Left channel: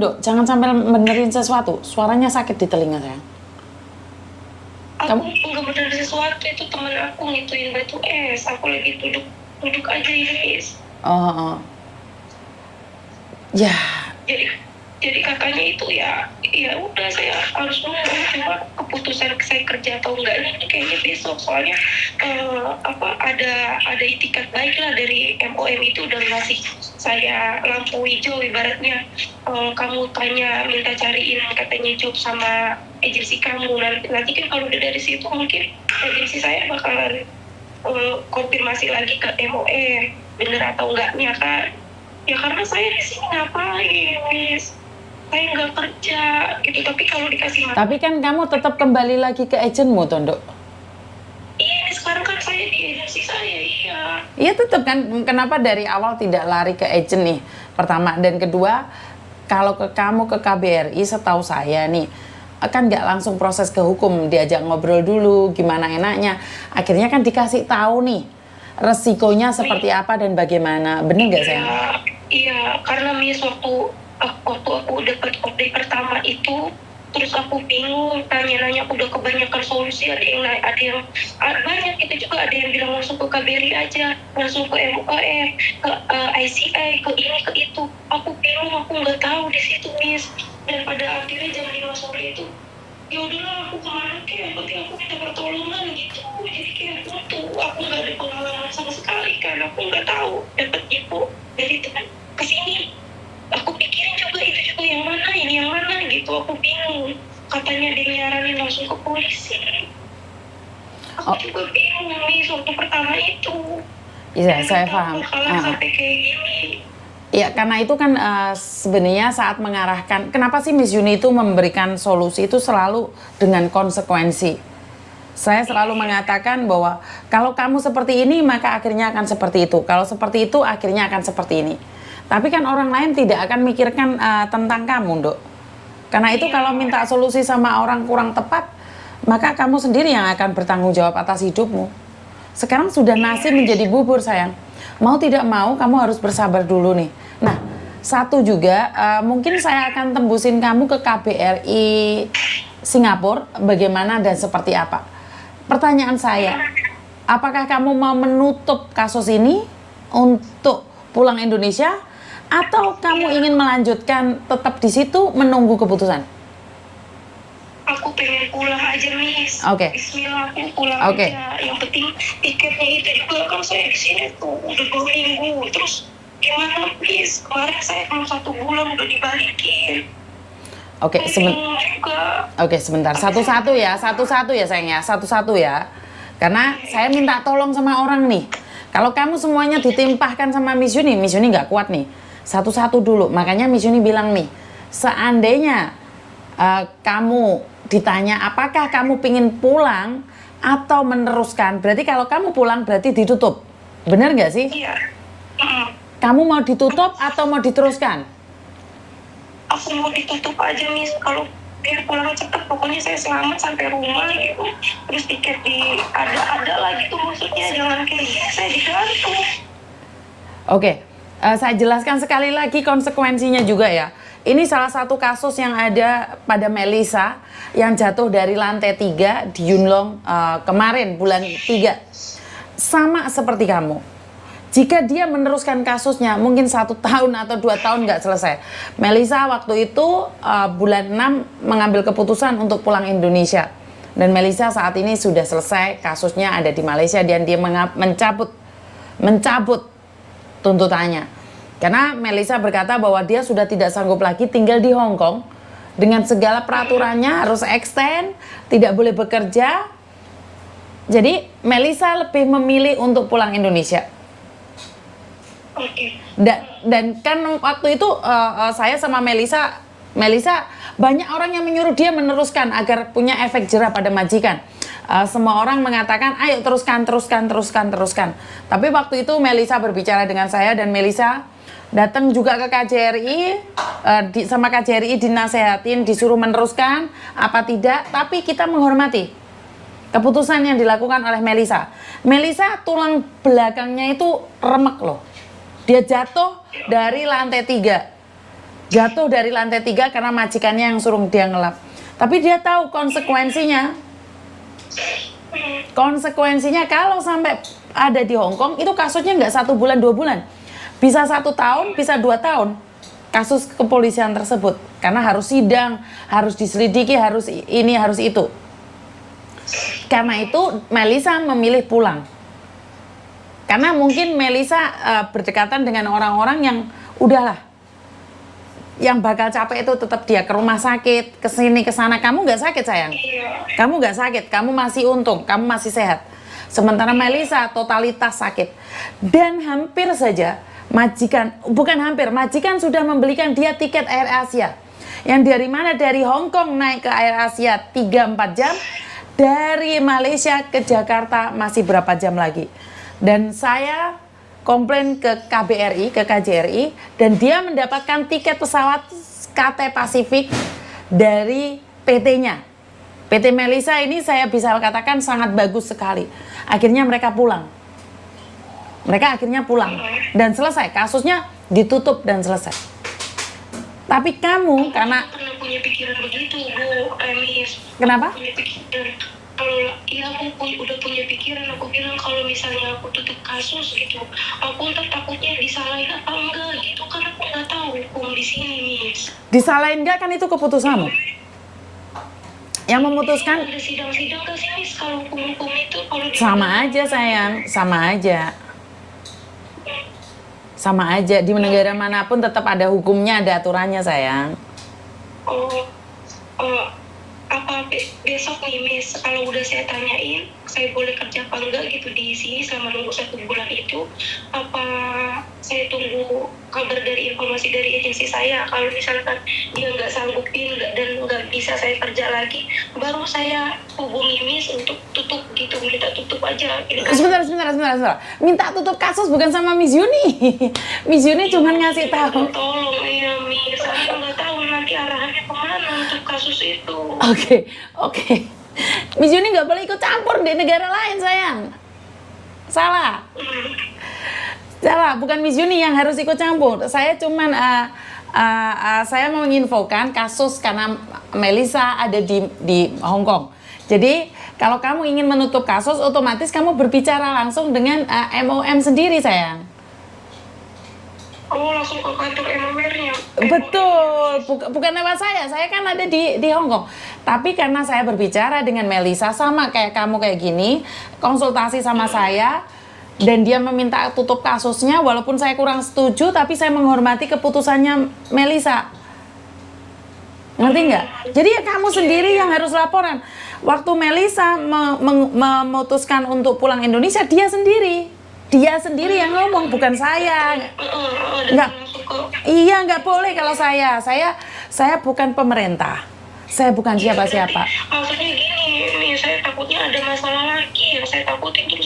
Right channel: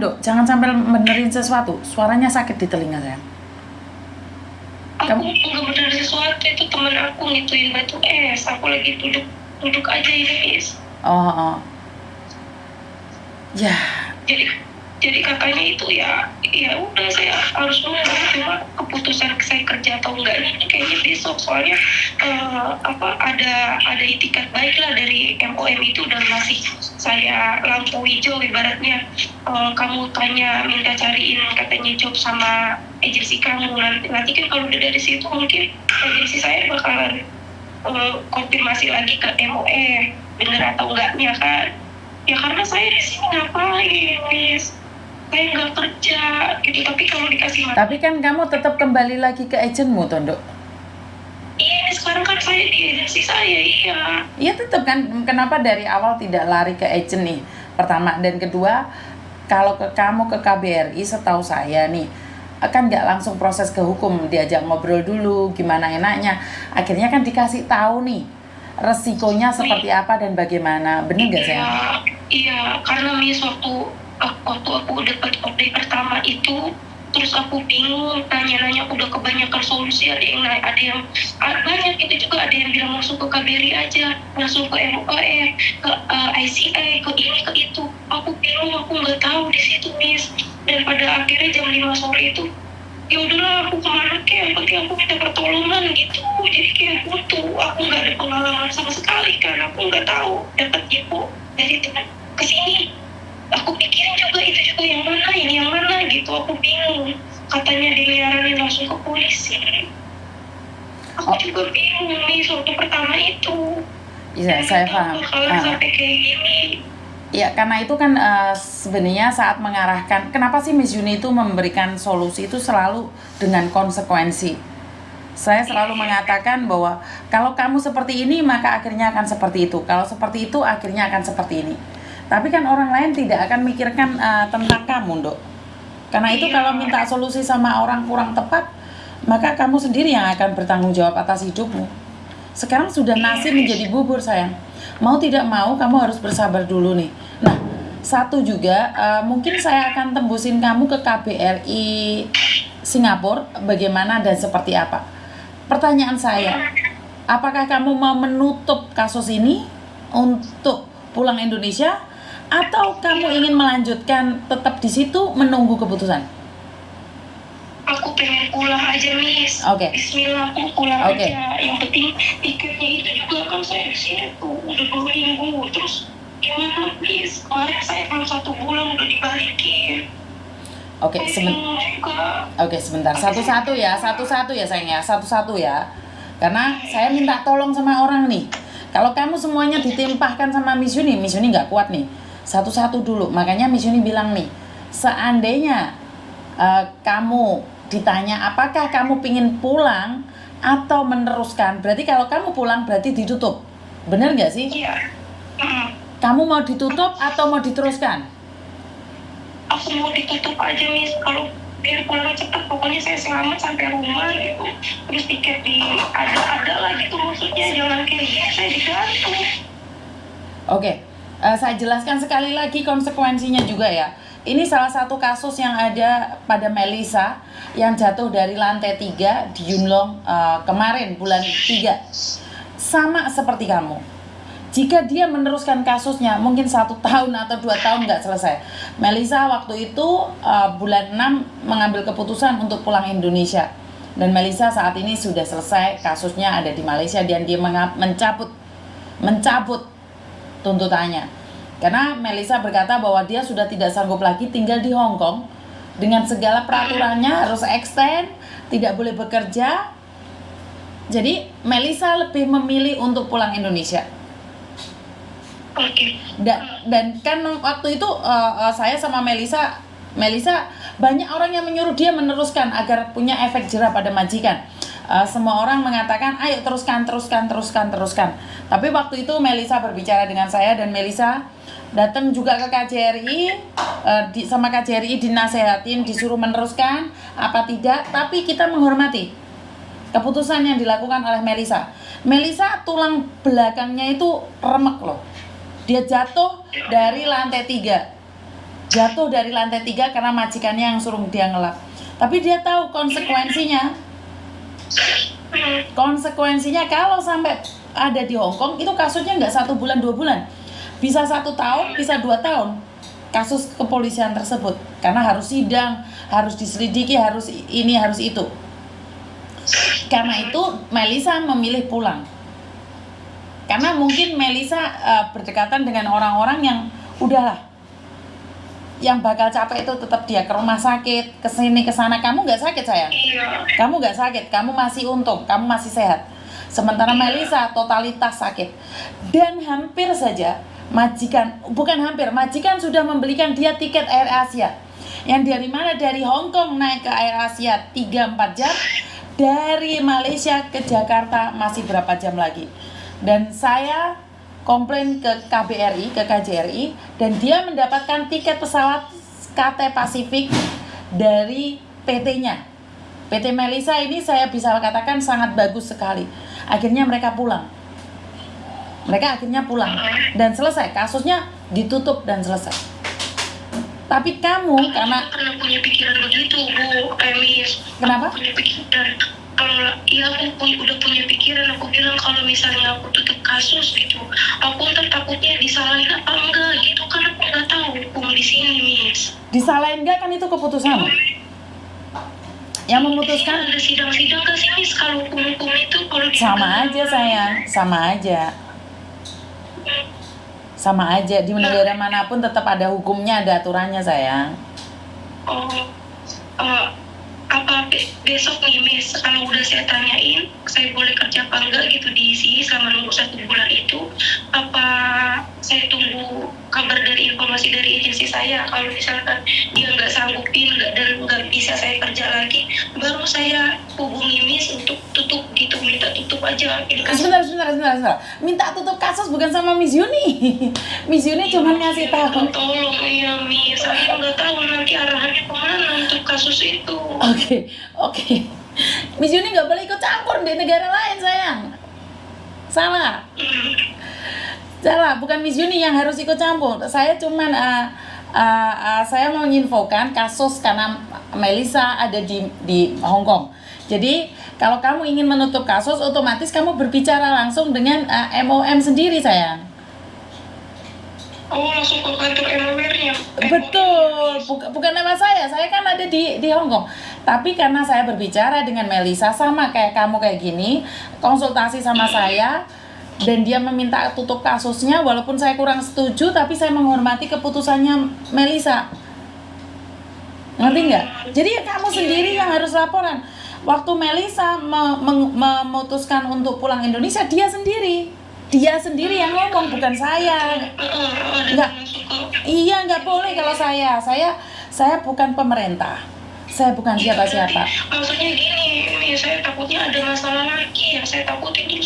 Dok, jangan sampai benerin sesuatu. Suaranya sakit di telinga saya. Aku nggak bener sesuatu, itu teman aku ngituin batu es. Aku lagi duduk aja ini, Miss. Oh. Ya. Jadi katanya itu ya udah saya harus nunggu, cuma keputusan saya kerja atau enggak ini kayaknya besok, soalnya ada itikat baik lah dari MOM itu udah ngasih saya lampu hijau ibaratnya. Kamu tanya minta cariin katanya job sama agensi kamu, nanti kan kalau udah dari situ mungkin agensi saya bakalan konfirmasi lagi ke MOM bener atau enggaknya kan. Ya karena saya di sini ngapain, Miss? Saya nggak kerja gitu, tapi kalau dikasih Tapi kan kamu tetap kembali lagi ke agenmu, Tondo. Iya, sekarang kan saya di agensi saya, iya. Iya tetap kan, kenapa dari awal tidak lari ke agent nih? Pertama, dan kedua, kalau kamu ke KBRI, setahu saya nih, kan nggak langsung proses ke hukum, diajak ngobrol dulu, gimana enaknya. Akhirnya kan dikasih tahu nih, resikonya seperti apa dan bagaimana, bener nggak sih? Iya, karena Miss waktu aku dapat update pertama itu, terus aku bingung nanya udah kebanyakan solusi, ada yang banyak itu juga, ada yang bilang langsung ke KBRI aja, langsung ke MOM, ke ICI, ke ini ke itu. Aku bingung, aku nggak tahu di situ, Miss. Dan pada akhirnya jam 5 sore itu ya udahlah, aku kemana kayak yang penting aku minta pertolongan gitu. Jadi kayak buntu, aku nggak ada pengalaman sama sekali kan, aku nggak tahu dapat info dari teman kesini. Aku pikirin juga itu juga yang mana, ini yang mana gitu, aku bingung. Katanya dinyaranin langsung ke polisi. Aku juga bingung nih waktu pertama itu. Iya, saya paham. Sampai kayak gini. Ya, karena itu kan sebenarnya saat mengarahkan, kenapa sih Miss Yuni itu memberikan solusi itu selalu dengan konsekuensi. Saya selalu mengatakan bahwa kalau kamu seperti ini, maka akhirnya akan seperti itu. Kalau seperti itu, akhirnya akan seperti ini. Tapi kan orang lain tidak akan mikirkan tentang kamu, Dok. Karena itu kalau minta solusi sama orang kurang tepat, maka kamu sendiri yang akan bertanggung jawab atas hidupmu. Sekarang sudah nasi menjadi bubur, sayang. Mau tidak mau, kamu harus bersabar dulu nih. Nah, satu juga, mungkin saya akan tembusin kamu ke KBRI Singapura, bagaimana dan seperti apa. Pertanyaan saya, apakah kamu mau menutup kasus ini untuk pulang Indonesia, atau kamu ingin melanjutkan tetap di situ menunggu keputusan? Aku pengen pulang aja, Miss. Oke. Bismillah, aku pulang aja. Yang penting tiketnya itu juga kan saya di sini tuh udah 2 minggu. Terus gimana, Miss? Kemarin saya baru 1 bulan udah dibalikin. Oke, sebentar. Satu-satu ya sayang ya, satu-satu ya. Karena saya minta tolong sama orang nih. Kalau kamu semuanya ditimpahkan sama Miss Yuni nggak kuat nih. Satu-satu dulu. Makanya Miss Yuni bilang nih, seandainya kamu ditanya apakah kamu pingin pulang atau meneruskan, berarti kalau kamu pulang berarti ditutup. Benar nggak sih? Iya. Kamu mau ditutup atau mau diteruskan? Aku mau ditutup aja, Miss. Kalau biar pulang cepat, pokoknya saya selamat sampai rumah gitu. Terus tiket ada lagi tuh, maksudnya jangan kayak gini saya digantung. Oke, saya jelaskan sekali lagi konsekuensinya juga ya. Ini salah satu kasus yang ada pada Melisa yang jatuh dari lantai 3 di Yunlong kemarin bulan 3. Sama seperti kamu. Jika dia meneruskan kasusnya mungkin 1 tahun atau 2 tahun nggak selesai. Melisa waktu itu bulan 6 mengambil keputusan untuk pulang Indonesia. Dan Melisa saat ini sudah selesai, kasusnya ada di Malaysia dan dia mencabut tuntutannya. Karena Melisa berkata bahwa dia sudah tidak sanggup lagi tinggal di Hong Kong dengan segala peraturannya, harus extend, tidak boleh bekerja. Jadi Melisa lebih memilih untuk pulang Indonesia. Dan kan waktu itu saya sama Melisa banyak orang yang menyuruh dia meneruskan agar punya efek jerah pada majikan. Semua orang mengatakan ayo teruskan. Tapi waktu itu Melisa berbicara dengan saya dan Melisa datang juga ke KJRI, sama KJRI dinasehatin, disuruh meneruskan apa tidak, tapi kita menghormati keputusan yang dilakukan oleh Melisa. Melisa tulang belakangnya itu remek loh. Dia jatuh dari lantai 3. jatuh dari lantai 3 karena majikannya yang suruh dia ngelap. Tapi dia tahu konsekuensinya. Konsekuensinya kalau sampai ada di Hong Kong, itu kasusnya nggak 1 bulan 2 bulan, bisa 1 tahun, bisa 2 tahun kasus kepolisian tersebut, karena harus sidang, harus diselidiki, harus ini, harus itu. Karena itu Melissa memilih pulang, karena mungkin Melissa berdekatan dengan orang-orang yang udahlah, yang bakal capek itu tetap dia ke rumah sakit, ke sini ke sana. Kamu nggak sakit sayang, kamu nggak sakit, kamu masih untung, kamu masih sehat. Sementara Melissa totalitas sakit, dan hampir saja majikan, bukan hampir, majikan sudah membelikan dia tiket Air Asia, yang dari mana, dari Hong Kong naik ke Air Asia 3-4 jam, dari Malaysia ke Jakarta masih berapa jam lagi. Dan saya komplain ke KBRI, ke KJRI, dan dia mendapatkan tiket pesawat KT Pasifik dari PT-nya. PT Melissa ini saya bisa katakan sangat bagus sekali. Akhirnya mereka pulang. Mereka akhirnya pulang dan selesai, kasusnya ditutup dan selesai. Tapi kamu karena pernah punya pikiran begitu, Bu Emis. Kenapa? Punya pikiran. Aku udah punya pikiran. Aku bilang kalau misalnya aku tutup kasus gitu, aku ntar takutnya disalahin apa enggak gitu, kan aku nggak tahu hukum di sini, Miss. Disalahin enggak, kan itu keputusan. Yang memutuskan ada sidang-sidang ke sini kalau hukum-hukum itu kalau sama aja sayang, sama aja. Sama aja, di negara manapun tetap ada hukumnya, ada aturannya sayang. Apa besok nih Miss, kalau udah saya tanyain saya boleh kerja apa enggak gitu di sini selama nunggu 1 bulan itu, apa saya tunggu kabar dari informasi dari agensi saya, kalau misalkan dia nggak sanggupin dan nggak bisa saya kerja lagi, baru saya hubungi Miss untuk tutup gitu, minta tutup aja. Sebentar. Minta tutup kasus bukan sama Miss Yuni. Miss Yuni cuma ngasih tahu. Tolong ya Miss, saya nggak tahu nanti arahannya kemana untuk kasus itu. Oke. Miss Yuni nggak boleh ikut campur di negara lain sayang. Salah, bukan Miss Yuni yang harus ikut campur. Saya cuman saya mau menginfokan kasus karena Melissa ada di Hong Kong. Jadi kalau kamu ingin menutup kasus, otomatis kamu berbicara langsung dengan MOM sendiri sayang. Langsung ke kantor MOM-nya. Betul, bukan nama saya kan ada di Hong Kong. Tapi karena saya berbicara dengan Melissa, sama kayak kamu kayak gini, konsultasi sama saya, dan dia meminta tutup kasusnya, walaupun saya kurang setuju, tapi saya menghormati keputusannya Melissa. Ngerti nggak? Jadi ya kamu sendiri yang harus laporan. Waktu Melissa memutuskan untuk pulang Indonesia, dia sendiri yang ngomong, bukan saya. Nggak boleh kalau saya bukan pemerintah, saya bukan siapa-siapa. Maksudnya gini, saya takutnya ada masalah lagi, yang saya takutin tuh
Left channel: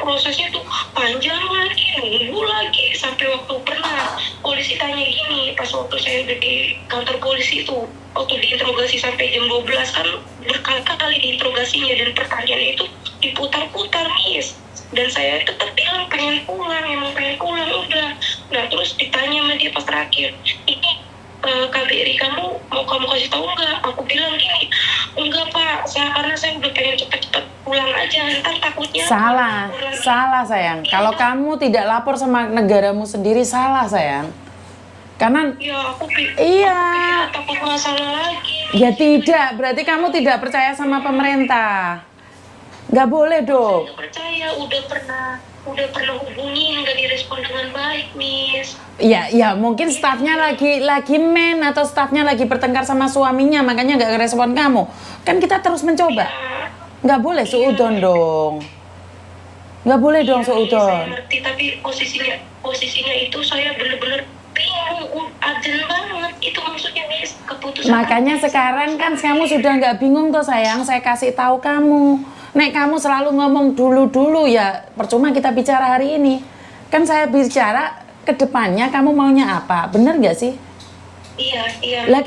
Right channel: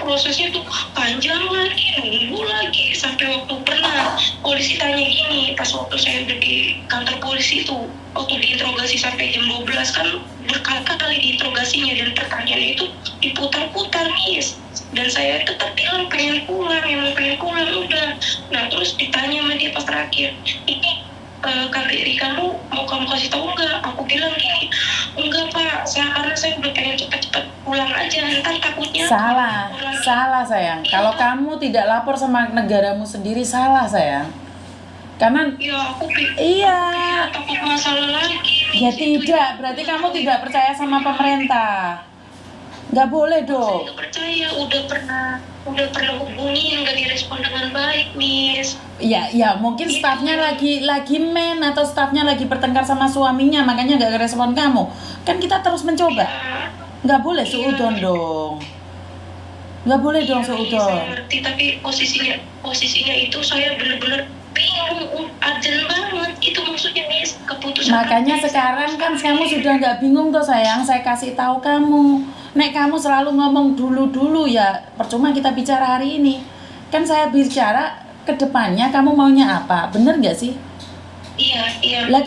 prosesnya tuh panjang lagi, nunggu lagi, sampai waktu pernah polisi tanya gini, pas waktu saya udah di kantor polisi itu, waktu diinterogasi sampai jam 12 kan berkali-kali diinterogasinya dan pertanyaannya itu diputar-putar Miss, dan saya tetap bilang pengen pulang udah. Nah terus ditanya sama dia pas terakhir, ini KBRI kamu mau kamu kasih tahu nggak? Aku bilang gini, enggak Pak, karena saya udah pengen cepat-cepat pulang aja, ntar takutnya salah sayang. Kalau kamu tidak lapor sama negaramu sendiri, salah sayang. Karena takut masalah lagi. Ya tidak, berarti kamu tidak percaya sama pemerintah. Nggak boleh dong. Saya percaya, udah pernah hubungi, nggak direspon dengan baik, Miss. Ya mungkin stafnya lagi men, atau stafnya lagi bertengkar sama suaminya, makanya nggak ngerespon kamu. Kan kita terus mencoba. Nggak boleh suudon dong. Nggak boleh dong suudon. Saya ngerti, tapi posisinya itu saya benar-benar bingung, urgent banget. Itu maksudnya Miss, keputusan. Makanya sekarang kan kamu sudah nggak bingung tuh sayang, saya kasih tahu kamu. Nek kamu selalu ngomong dulu ya percuma kita bicara hari ini. Kan saya bicara ke depannya kamu maunya apa, bener nggak sih? Iya. Lah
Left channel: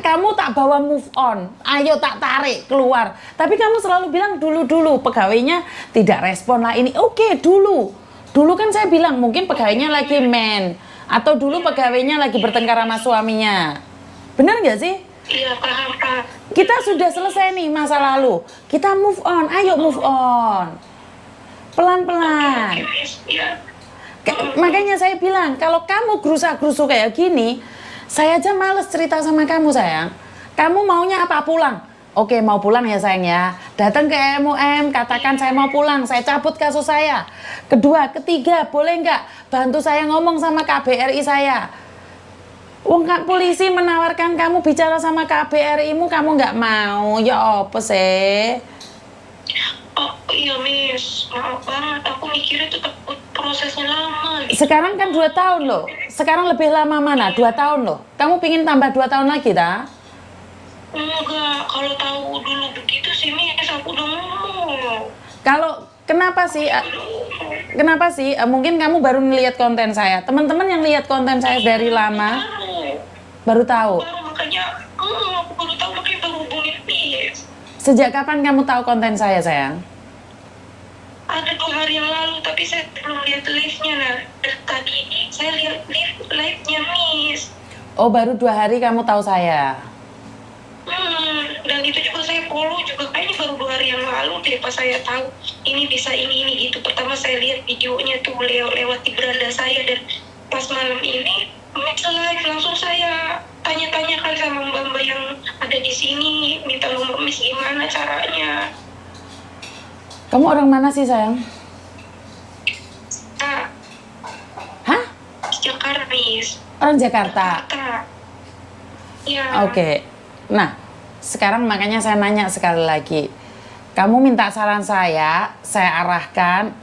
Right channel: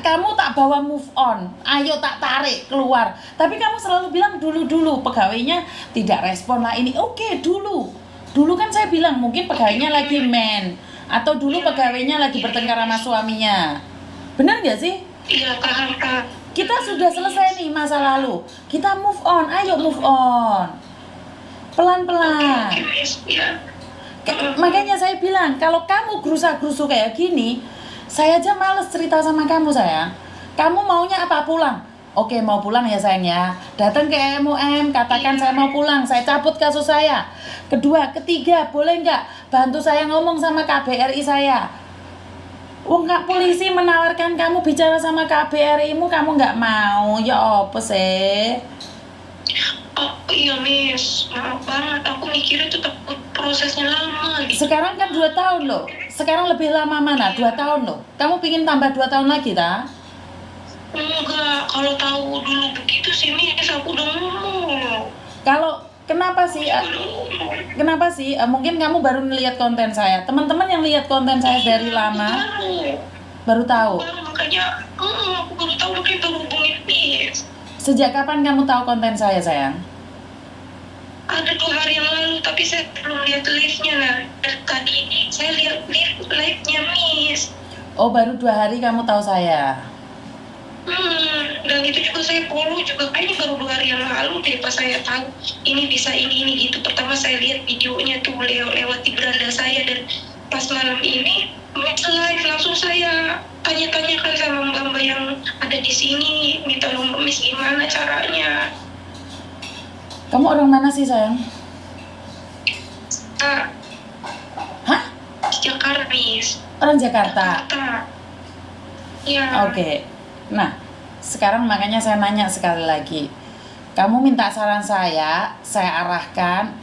kamu tak bawa move on, ayo tak tarik keluar. Tapi kamu selalu bilang dulu pegawainya tidak respon lah ini. Oke, dulu kan saya bilang mungkin pegawainya lagi men, Atau dulu pegawainya lagi bertengkar sama suaminya. Bener nggak sih? Iya, paham, Kak. Kita sudah selesai nih masa lalu. Kita move on, ayo move on. Pelan-pelan. Oke, Miss. Ya. Makanya saya bilang, kalau kamu gerusa-gerusu kayak gini, saya aja males cerita sama kamu, sayang. Kamu maunya apa? Pulang? Oke, mau pulang ya, sayang ya. Datang ke MUM, katakan saya mau pulang, saya cabut kasus saya. Kedua, ketiga, boleh nggak bantu saya ngomong sama KBRI saya? Wong Kak polisi menawarkan kamu bicara sama KBRI-mu, kamu nggak mau, ya apa sih? Oh, iya, Miss. Maaf banget. Aku mikirnya tuh takut prosesnya lama. Gitu. Sekarang kan 2 tahun loh. Sekarang lebih lama mana? 2 tahun loh. Kamu pingin tambah 2 tahun lagi, tak? Enggak, kalau tahu dulu begitu sih, Miss, aku udah ngomong. Kalau kenapa sih? Kenapa sih? Mungkin kamu baru melihat konten saya. Teman-teman yang lihat konten saya dari lama baru tahu. Baru makanya, aku baru tahu makanya baru hubungin Miss. Sejak kapan kamu tahu konten saya, sayang? Ada 2 hari yang lalu, tapi saya belum lihat live-nya. Nah, tadi saya lihat live-nya, Miss. Oh, baru 2 hari kamu tahu saya. Dan itu juga saya follow juga kayaknya baru 2 hari yang lalu deh pas saya tahu ini bisa ini gitu. Pertama saya lihat videonya tuh lewat di beranda saya, dan pas malam ini live langsung saya tanya-tanyakan sama mbak-mbak yang ada di sini, minta nomor Miss gimana caranya. Kamu orang mana sih, sayang? Ah, Hah? Jakarta, Miss. Orang Jakarta. Jakarta. Ya. Oke. Nah, sekarang makanya saya nanya sekali lagi. Kamu minta saran saya arahkan.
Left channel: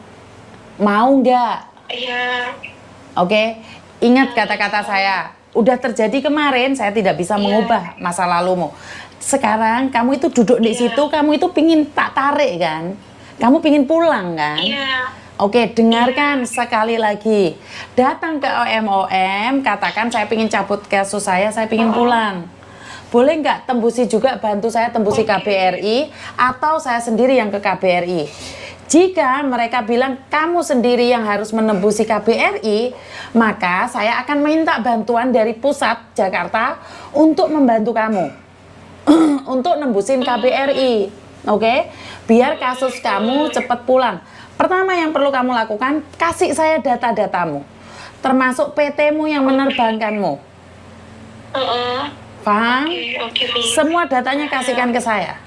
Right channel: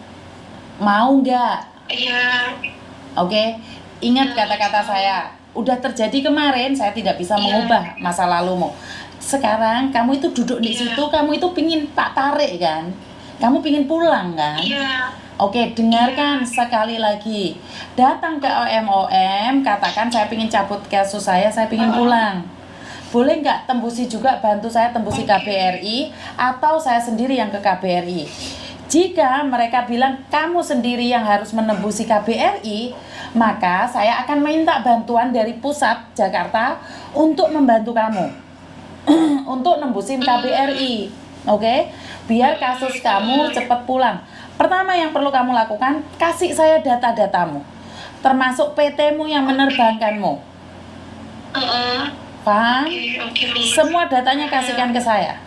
Mau nggak? Iya. Oke? Ingat kata-kata saya. Udah terjadi kemarin, saya tidak bisa mengubah masa lalumu. Sekarang kamu itu duduk di situ, kamu itu pingin tak tarik kan? Kamu pingin pulang kan? Iya. Oke, dengarkan sekali lagi. Datang ke OMOM, katakan saya pingin cabut kasus saya pingin pulang. Boleh nggak tembusi juga, bantu saya tembusi KBRI, atau saya sendiri yang ke KBRI. Jika mereka bilang kamu sendiri yang harus menembusi KBRI, maka saya akan minta bantuan dari pusat Jakarta untuk membantu kamu. Untuk nembusin KBRI. Oke? Biar kasus kamu cepat pulang. Pertama yang perlu kamu lakukan, kasih saya data-datamu. Termasuk PT-mu yang menerbangkanmu. Paham? Oke, Miss. Semua datanya kasihkan ke saya.